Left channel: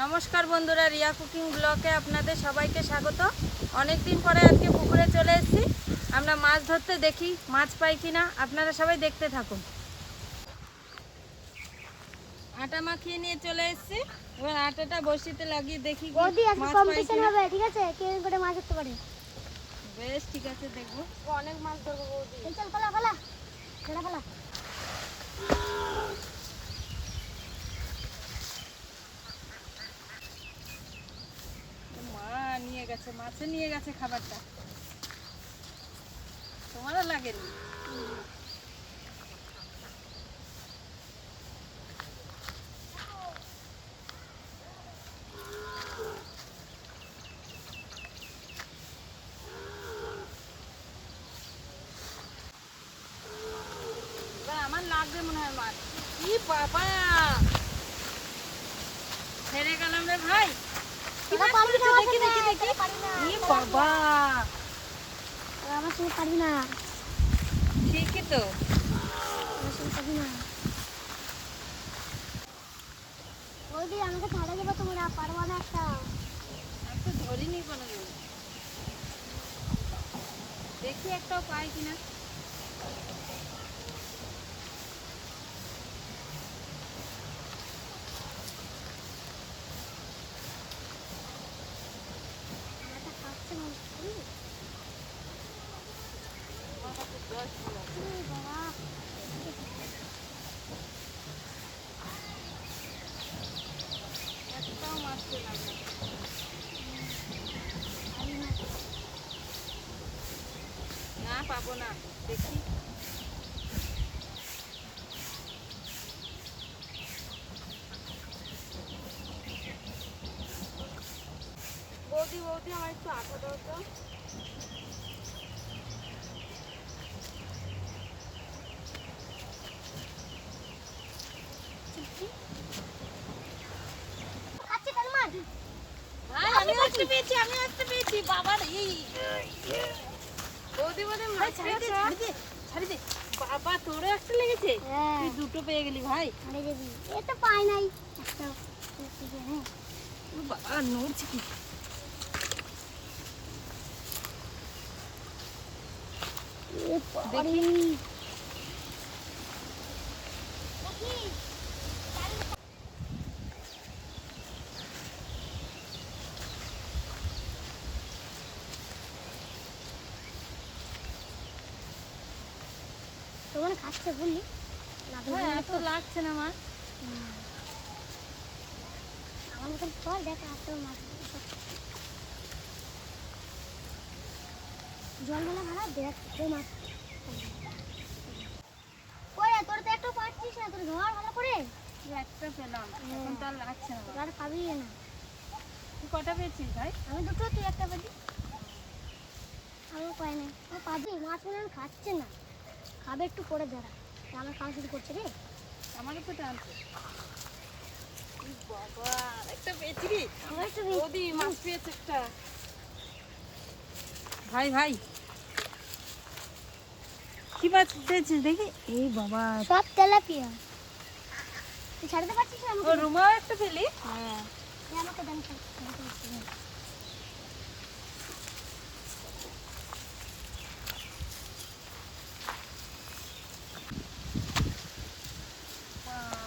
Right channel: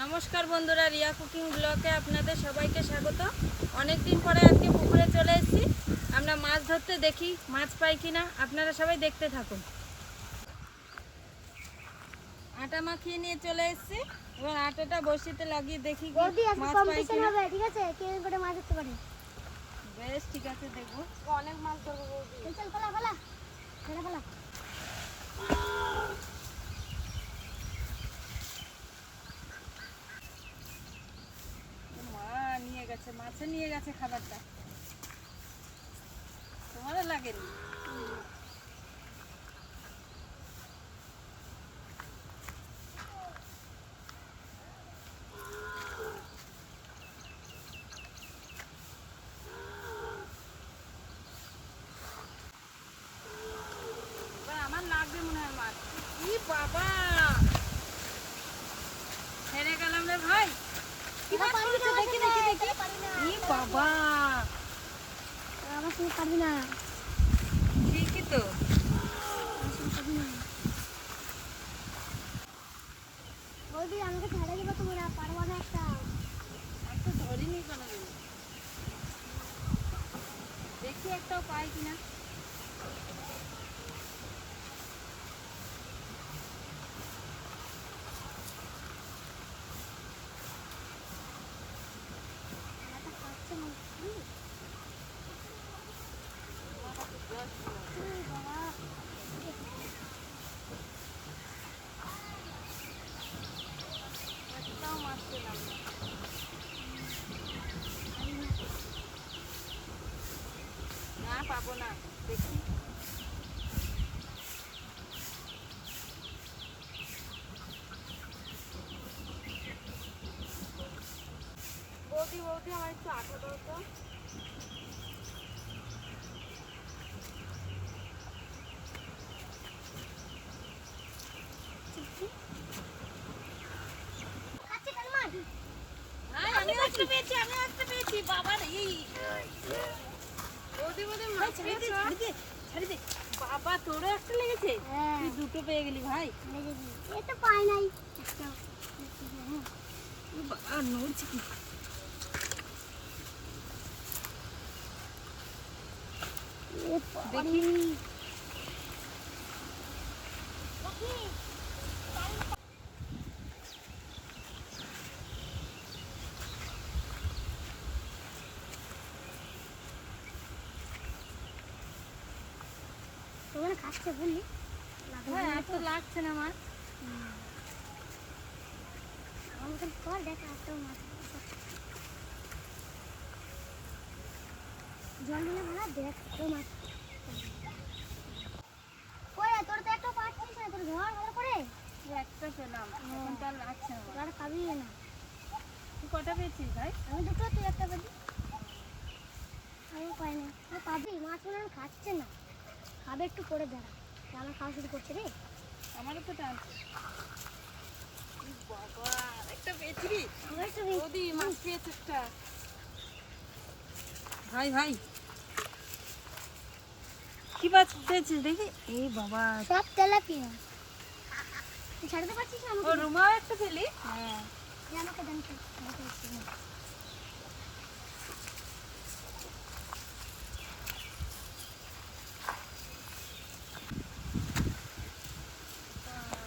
নমস্কার বন্ধুরা রিয়া কুকিং ব্লকে আপনাদের সবাইকে স্বাগত। অনেক দিন পরে আজকে পুকুরে চলে এসেছি। আমরা মাছ ধরতে দেখি মাছ পাই কি না আপনারা সবাই দেখতে থাকুন। আটা মাখিয়ে নিয়ে চলে এসেছি এবার আটাটা বসিতে লাগিয়ে দেখি কি মাছ পাই কিনা। হবে ঠিক আছে? কে করে মাছ ধরতে পারে? বেশ ঠিক আছে দেখব। অনেক মাছ ধরবো চল চল ফেলা ফেলা ফেলা ফেলা মা নিয়ে গেছে মাছে নিয়ে গেছে খাবারটা। তোমারও লাগেনি এবার আমার লাগবে মনে হয় মাছ ই বাবা হেরে গেলাম রে ভাই কি তোরা মাছ পারবি না করেছ? আমার দেখি, সঙ্গে দেখি, দেখি। তোরা পারবি না ই বাবা তোরা আমার সঙ্গে পারবি না। ঠিকই তো। পারবি না বৌদি আমাকে ছাড়া দেবো তোমরা পারব না একটা। ধরিনি কোনোদিন। দেখি একটাও পাই কিনা আমারটা খাচ্ছে মনে হচ্ছে। তোমার কাছে জল ছিল উম, বাবা একটাও মাছ পেলাম না পাবো না। দেখি বৌদি বৌদি আমার একটু আটা দাও তো খাচ্ছে কেন মাছ ভাই আমি একটা পেয়েছি আমি একটা পেয়েছি বৌদি বৌদি মাছ ছাড়ি দে, ছাড়ি দে ছাড়ি দে। বাবা তোরও একটা লেগেছে? হ্যাঁ। তুই দুটো পেয়ে গেলি ভাই। এ তো পাই নাই। একটা হ্যাঁ। বাবা নড়ছে কি? দেখি। তোমার বললি? হ্যাঁ এত লাগছে না মাছ আমার মতন কর দেখ এত মাছ জল মেলা ভাড়া দেখ কই মাছ। কই তোর তো একটা পাচ্ছিস না তোর ভালো করে? একটা পেলাম এখন তো আর লাগছে না। আর পাবি না। তুই কটা পেয়েছিস ভাই? আমি দুটো তুই একটা পাবি আমি পাই না ও পাবি মাছ মনে খাচ্ছে না। খাবে একটু পরে দাঁড়া। আমার খাওয়া শুরু করছে রে। আমারও তো টানছে ই বাবা একটা পেয়েছি রে। আমার একটু বেশি- বৌদি মাছ পেয়েছে একটা। ভাই ভাই। কি মাছ পেয়েছিস দেখি? এই বাবা। সব তেলাপিয়া। তুই ছাড়তে পারছিস না আমাকে? রুমাও একটা হ্যাঁ। এই আমাকে দেন ছাড়- ছাড়তে পারছিস না।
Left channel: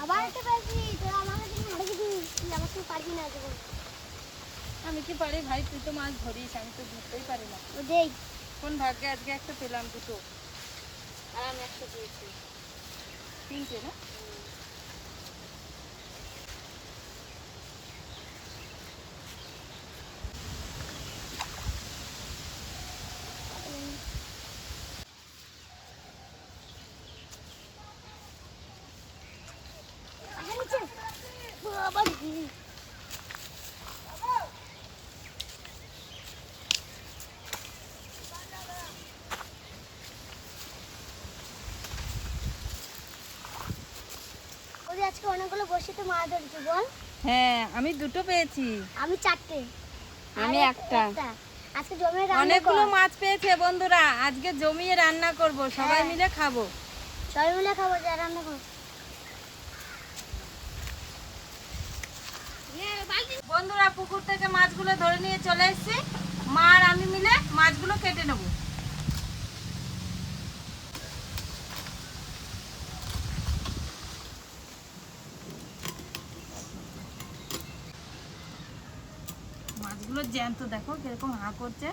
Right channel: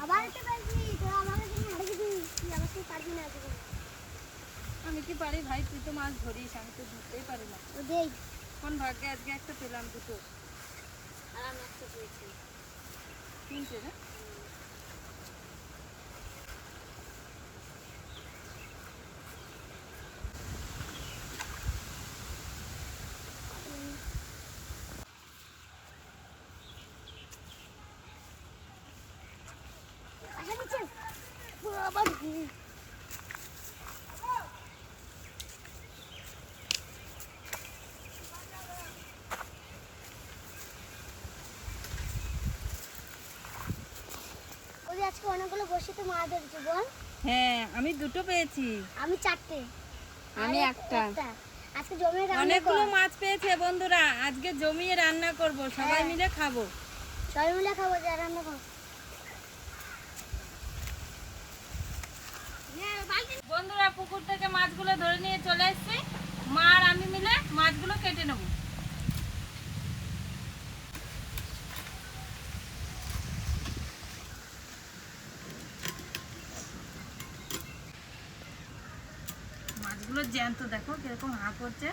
আবার একটা পেয়েছি তোরা আমাকে তুমি হারে গেছি তুই আমার সঙ্গে পারবি না জীবন আমি কি পারি ভাই তুই তো মাছ ধরিস আমি তো ধরতেই পারি না কোন ভাগ্যে আজকে একটা পেলাম দুটো আর আমি একটা পেয়েছি তিনটে না বাবা রে। ওদের আজকে অনেকগুলো বসিতে মাছ ধরেছে বল হ্যাঁ আমি দুটো পেয়েছি। আমি চারটে। আমি একটা। আজকে জমে রান্না অনেকগুলো মাছ পেয়েছে বন্ধুরা আজকে জমিয়ে রান্না করব সবাই হ্যাঁ। মিলে খাব। সবাই মিলে খাব যা রান্না কর। বন্ধুরা পুকুর থেকে মাছগুলো ধরে নিয়ে চলে এসেছি। মা আর আমি মিলে মাছগুলো কেটে নেব। মাছগুলো জ্যান্ত দেখো কীরকম হা করছে।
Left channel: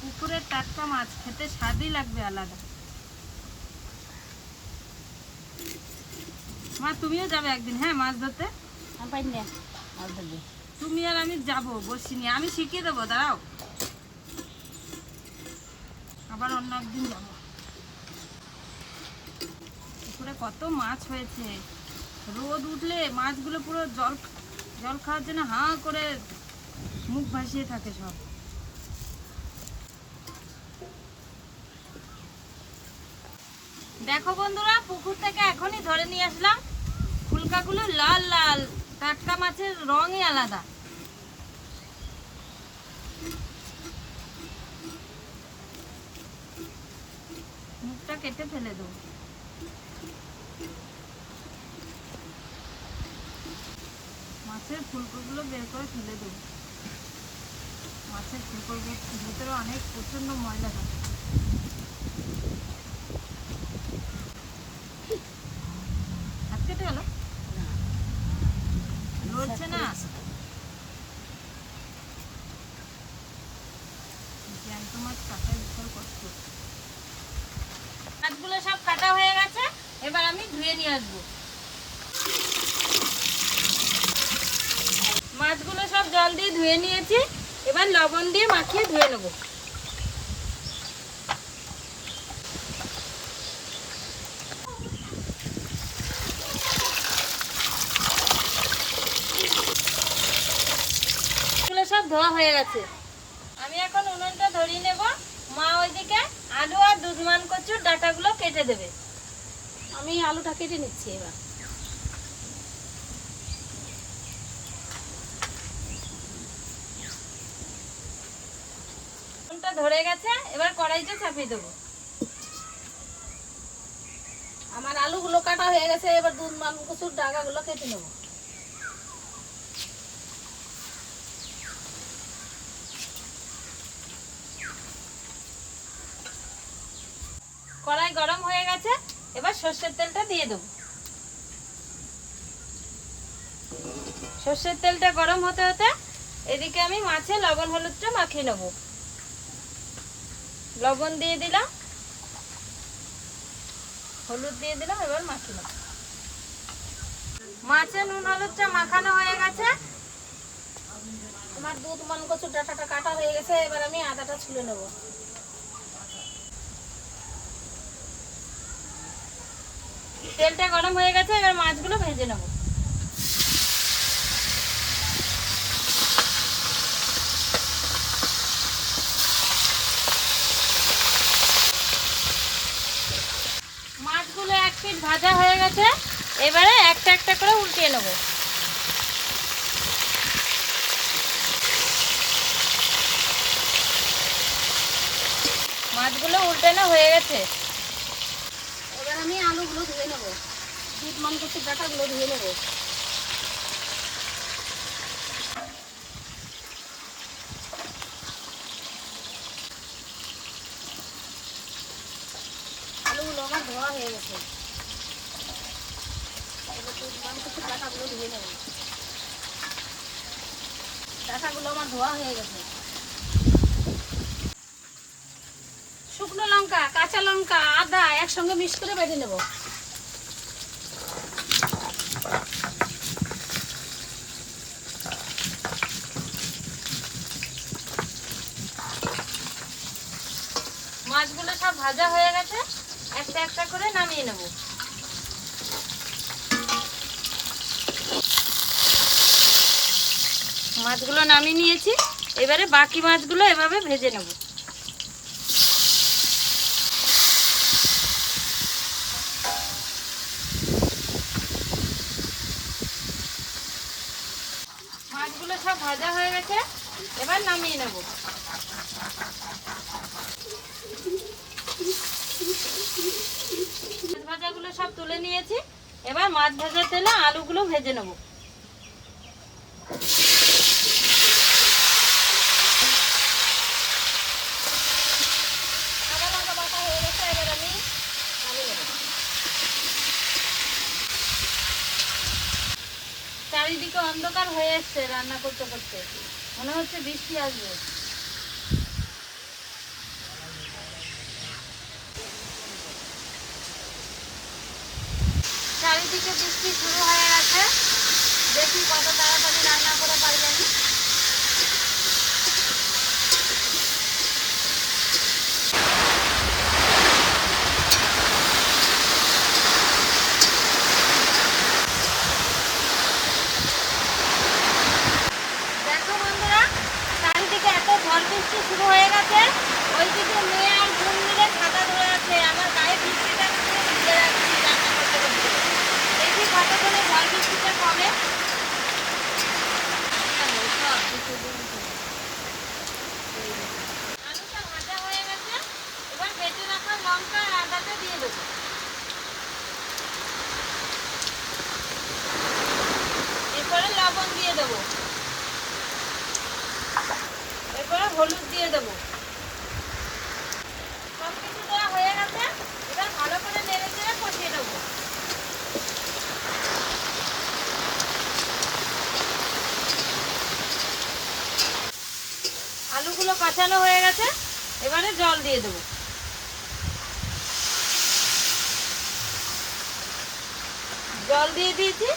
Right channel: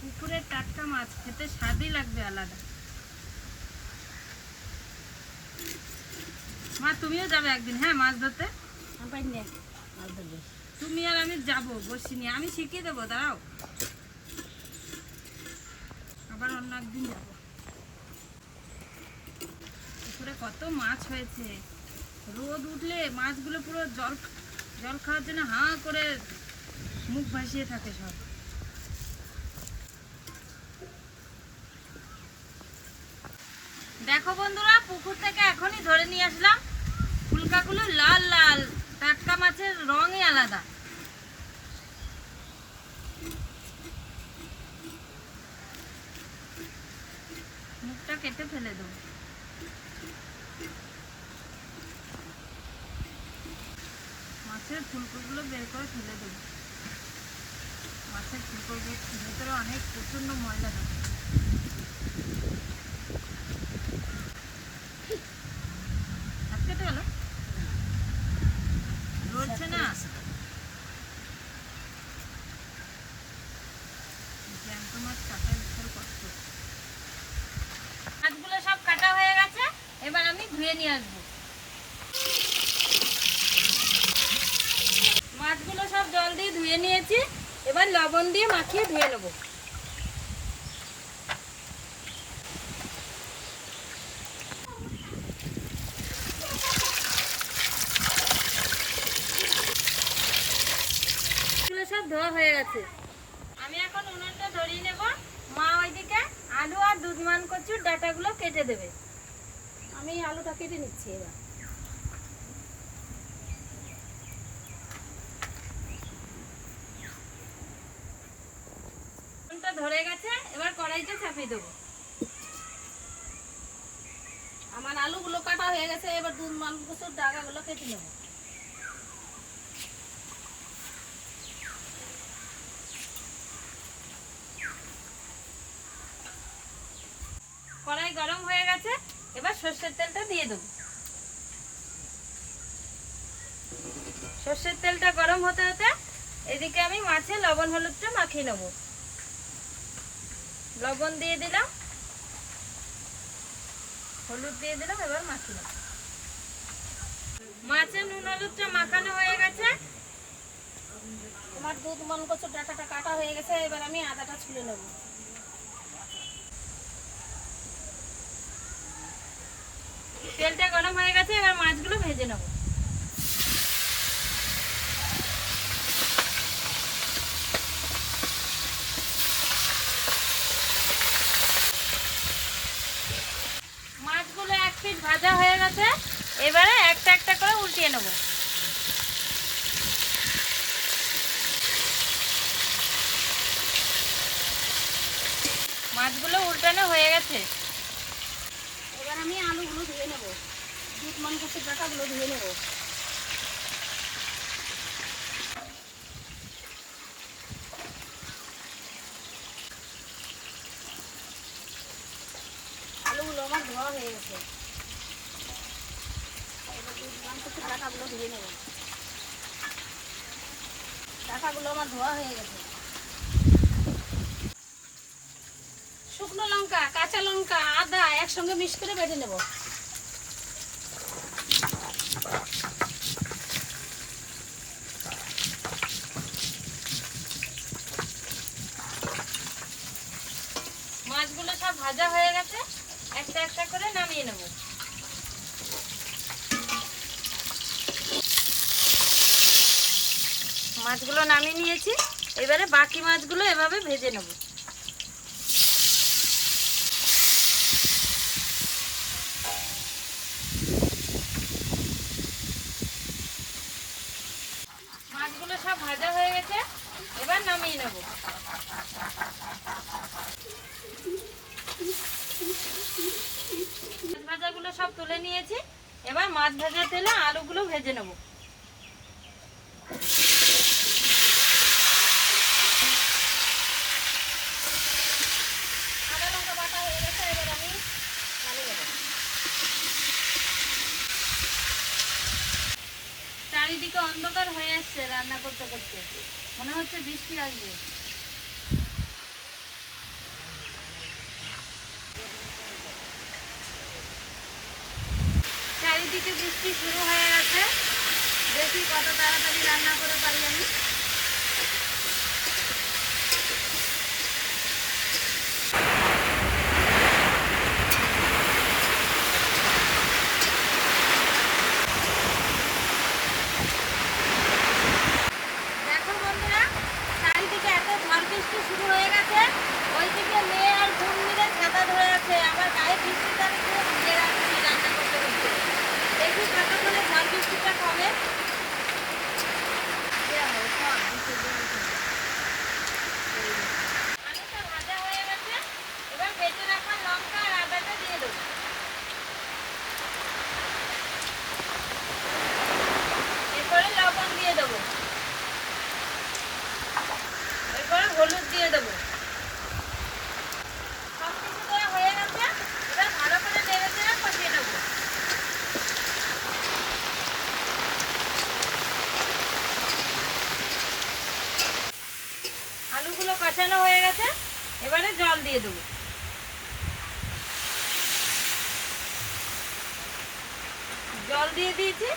পুকুরের টাটকা মাছ খেতে স্বাদই লাগবে আলাদা। মা তুমিও যাবে একদিন হ্যাঁ মাছ ধরতে? তুমি আর আমি যাব বসিনি। আমি শিখিয়ে দেবো দাঁড়াও। আবার অন্য একদিন যাব। পুকুরে কত মাছ হয়েছে। রোদ উঠলে মাছগুলো পুরো জল জল খাওয়ার জন্য হাঁ করে মুখ ভাসিয়ে থাকে সব। দেখো বন্ধুরা, পুকুর থেকে এখনই ধরে নিয়ে আসলাম। ফুলকাগুলো লাল লাল। টাটকা মাছের রঙই আলাদা। মুখটা কেটে ফেলে দেবো। মাছের ফুলকোগুলো বের করে ফেলে দেবো। মাছের ফুলকোর ভেতরে অনেক প্রচণ্ড ময়লা থাকে হাত কেটে গেল নড়ছে না জ্যান্ত মাছ কাটা বিশাল কষ্ট মাছগুলো সব কাটা হয়ে গেছে এবার আমি ধুয়ে নিয়ে আসব মাছগুলো সব জল দিয়ে ধুয়ে নিয়েছি। এবার লবণ দিয়ে মাখিয়ে ধুয়ে নেব। সব ধোয়া হয়ে গেছে। আমি এখন উনুনটা ধরিয়ে নেব। মা ওইদিকে আলু আর দুধমান কচুর ডাটাগুলো কেটে দেবে। আমি আলুটা কেটে নিচ্ছি এবার। ধরে গেছে, এবার কড়াইতে চাপিয়ে দেবো। আমার আলুগুলো কাটা হয়ে গেছে, এবার দুধ মান কচুর ডাগাগুলো কেটে নেব। কড়াই গরম হয়ে গেছে, এবার সর্ষের তেলটা দিয়ে দেবো। সর্ষের তেলটা গরম হতে হতে এদিকে আমি মাছে লবণ হলুদটা মাখিয়ে নেব। লবণ দিয়ে দিলাম। হলুদ দিয়ে দিলাম, এবার নেব। মাছে নুন, হলুদটা মাখানো হয়ে গেছে। আমার দুধ মন কচুর ডাটাটা কাটা হয়ে গেছে, এবার আমি আদাটা ছুলে নেব। তেলটা গরম হয়ে গেছে, এবার মাছগুলো ভেজে নেব। ভাজা হয়ে গেছে, এবারে একটা একটা করে উল্টিয়ে নেব। মাছগুলো উল্টানো হয়ে গেছে। এবার আমি আলুগুলো ধুয়ে নেব। দুধ মান কচুর ডাটাগুলো ধুয়ে নেব। আলুগুলো আমার ধোয়া হয়ে গেছে। শুকনো লঙ্কা, কাঁচা লঙ্কা, আদা একসঙ্গে মিক্স করে বেটে নেব। মাছগুলো সব ভাজা হয়ে গেছে, একটা একটা করে নামিয়ে নেব। মাছগুলো নামিয়ে নিয়েছি। এবারে বাকি মাছগুলো এভাবে ভেজে নেব। মাছগুলো সব ভাজা হয়ে গেছে, এবার নামিয়ে নেব। ভাজাগুলো সব তুলে নিয়েছি। এবার মাছ ভাজার তেলে আলুগুলো ভেজে নেব আদা লঙ্কা বাটা হয়ে গেছে এবার আমি নামিয়ে নেব চারিদিকে অন্ধকার হয়ে এসছে, রান্না করতে করতে। মনে হচ্ছে বৃষ্টি আসবে। চারিদিকে বৃষ্টি শুরু হয়ে গেছে। দেখি কত তাড়াতাড়ি রান্না করে পারবেন বন্ধুরা চারিদিকে এত ঝড় বৃষ্টি শুরু হয়ে গেছে ওইদিকে মেয়ে আর বোন মিলে ছাতা ধরে আছে আমার গায়ে বৃষ্টিটা পুরো ভিজে রাখছি রান্না করতে করতে দেখি কতক্ষণে ঝড় বৃষ্টিটা কমে আলুটা ভাজা হয়ে গেছে এবার বেটে রাখা লঙ্কা আর আদাটা দিয়ে দেবো এরপরে লবণ দিয়ে দেবো এরপরে হলুদ দিয়ে দেবো সব কিছু দেওয়া হয়ে গেছে এবার ভালো করে নেড়ে চেড়ে কষিয়ে নেব আলুগুলো কষানো হয়ে গেছে, এবারে জল দিয়ে দেবো। জল দিয়ে দিয়েছি,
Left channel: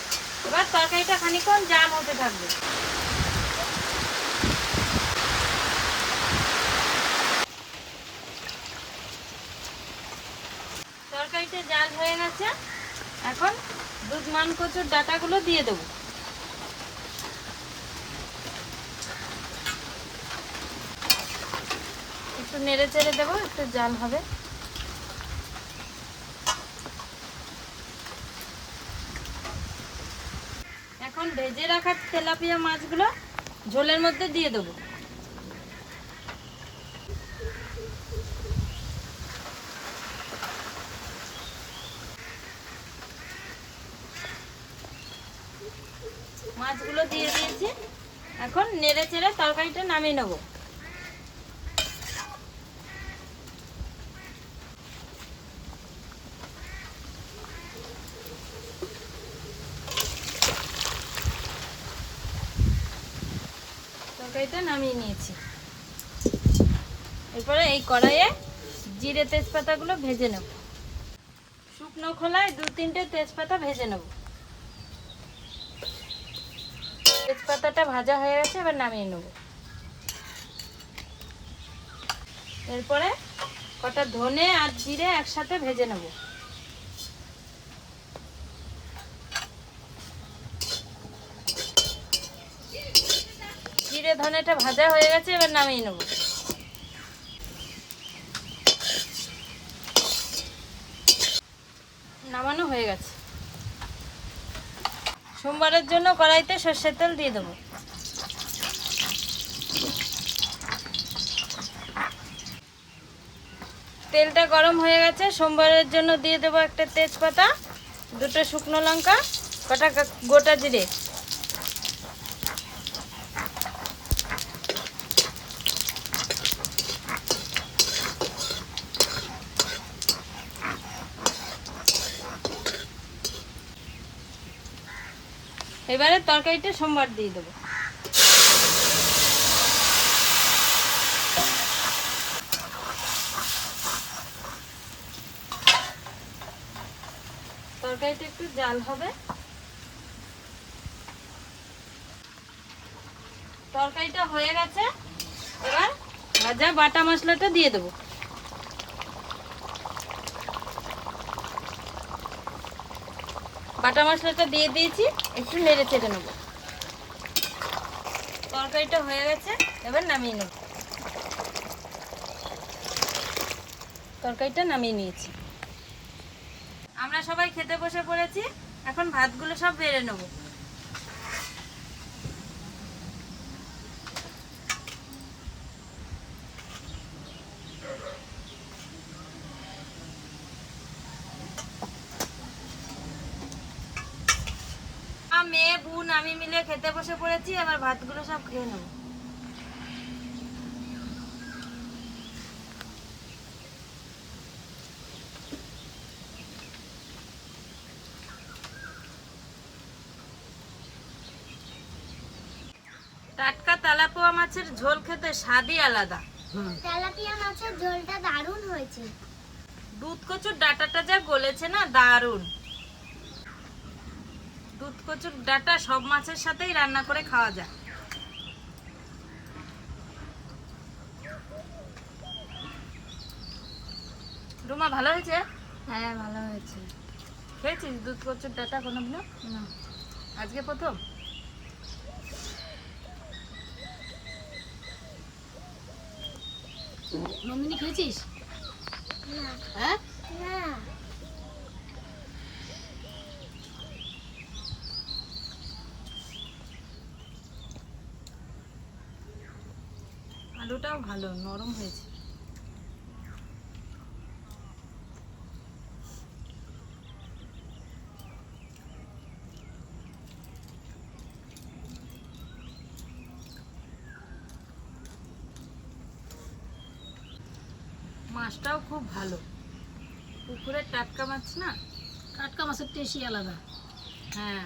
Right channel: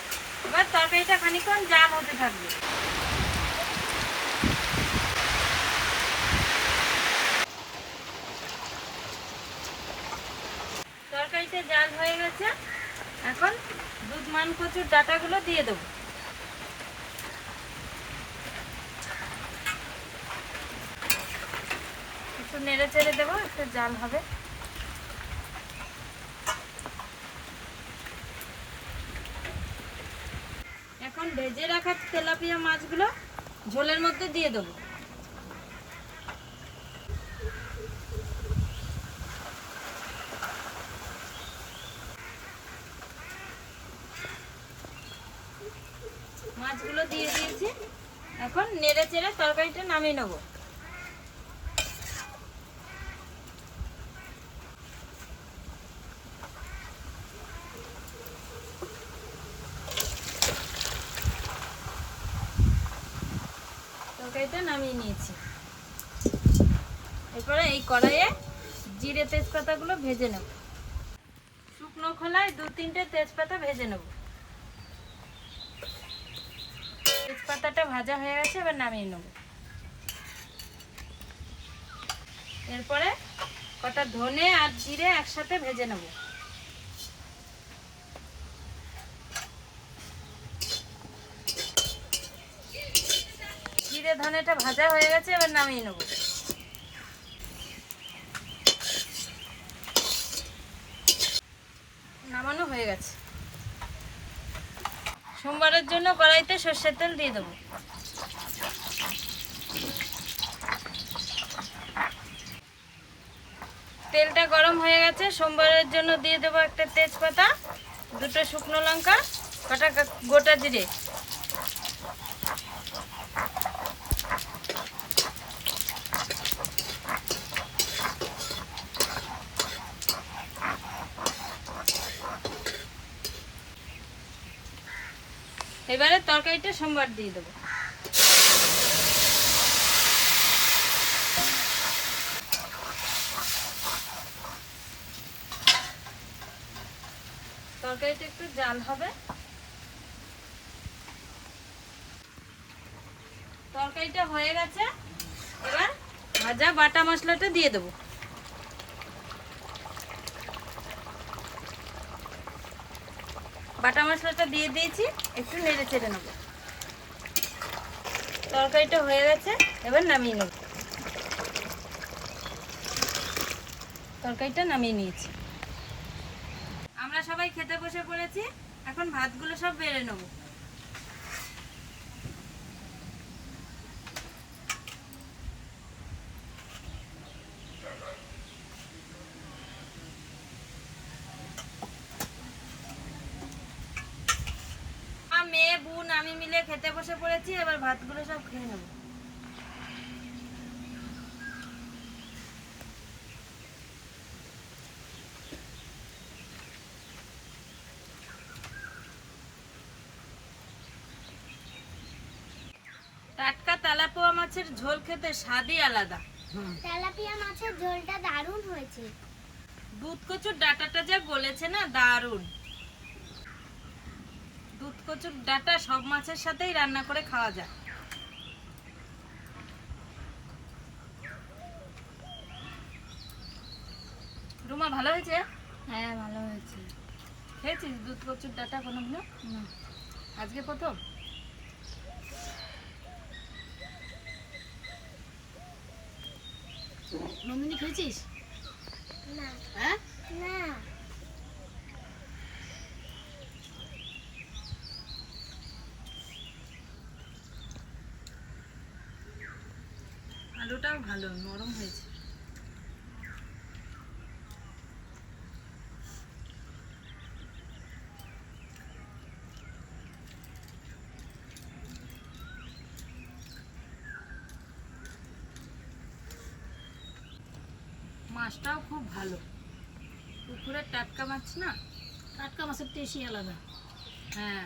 এবার তরকারিটা খানিকক্ষণ জাল হতে থাকবে। তরকারিটা জাল হয়ে গেছে, এখন দুধ মান কচুর ডাটাগুলো দিয়ে দেবো। একটু নেড়ে চেড়ে দেবো, একটু জাল হবে। এখন ভেজে রাখা তেলাপিয়া মাছগুলো ঝোলের মধ্যে দিয়ে দেবো। মাছগুলো দিয়ে দিয়েছি। এখন নেড়ে চেড়ে তরকারিটা নামিয়ে নেব তরকারিটা নামিয়ে নিয়েছি। এরপরে এই কড়াইয়ে জিরে তেজপাতাগুলো ভেজে নেব। শুকনো খোলায় দু তিনটে তেজপাতা ভেজে নেব। তেজপাতাটা ভাজা হয়ে গেছে, এবার নামিয়ে নেব। এরপরে কটা ধনে আর জিরে একসাথে ভেজে নেব। ধনেটা ভাজা হয়ে গেছে, এবার নামিয়ে নেব। নামানো হয়ে গেছে। সোমবারের জন্য কড়াইতে সর্ষের তেল দিয়ে দেবো। তেলটা গরম হয়ে গেছে, সোমবারের জন্য দিয়ে দেবো একটা তেজপাতা, দুটো শুকনো লঙ্কা, কটা গোটা জিরে। এবারে তরকারিটা সোমবার দিয়ে দেবো। তরকারিটা একটু জাল হবে। তরকারিটা হয়ে গেছে। এবার ভাজা বাটা মশলাটা দিয়ে দেবো। বাটা মশলাটা দিয়ে দিয়েছি, একটু নেড়ে চেড়ে নেব। তরকারিটা হয়ে গেছে, এবার নামিয়ে নেব। তরকারিটা নামিয়ে নিয়েছি। আমরা সবাই খেতে বসে পড়েছি, এখন ভাতগুলো সব বেড়ে নেব মেয়ে বোন আমি মিলে খেতে বসে পড়েছি এবার ভাতগুলো সব খেয়ে নেব। টাটকা তেলাপোয়া মাছের ঝোল খেতে স্বাদই আলাদা। তেলাপিয়া মাছের ঝোলটা দারুণ হয়েছে। দুধ কচুর ডাটাটা যা গলেছে না দারুণ। দুধ কচুর ডাটা সব মাছের সাথেই রান্না করে খাওয়া যায়। রুমা ভালো হয়েছে? হ্যাঁ ভালো হয়েছে। খেয়েছিস দুধ কচুর ডাটা কোনোদিনও? না। আজকে প্রথম? নন্দিনী খেয়েছিস? না। হ্যাঁ? না। ভালো নরম হয়েছে। মাছটাও খুব ভালো। পুকুরের টাটকা মাছ না? টাটকা মাছের টেস্টই আলাদা। হ্যাঁ।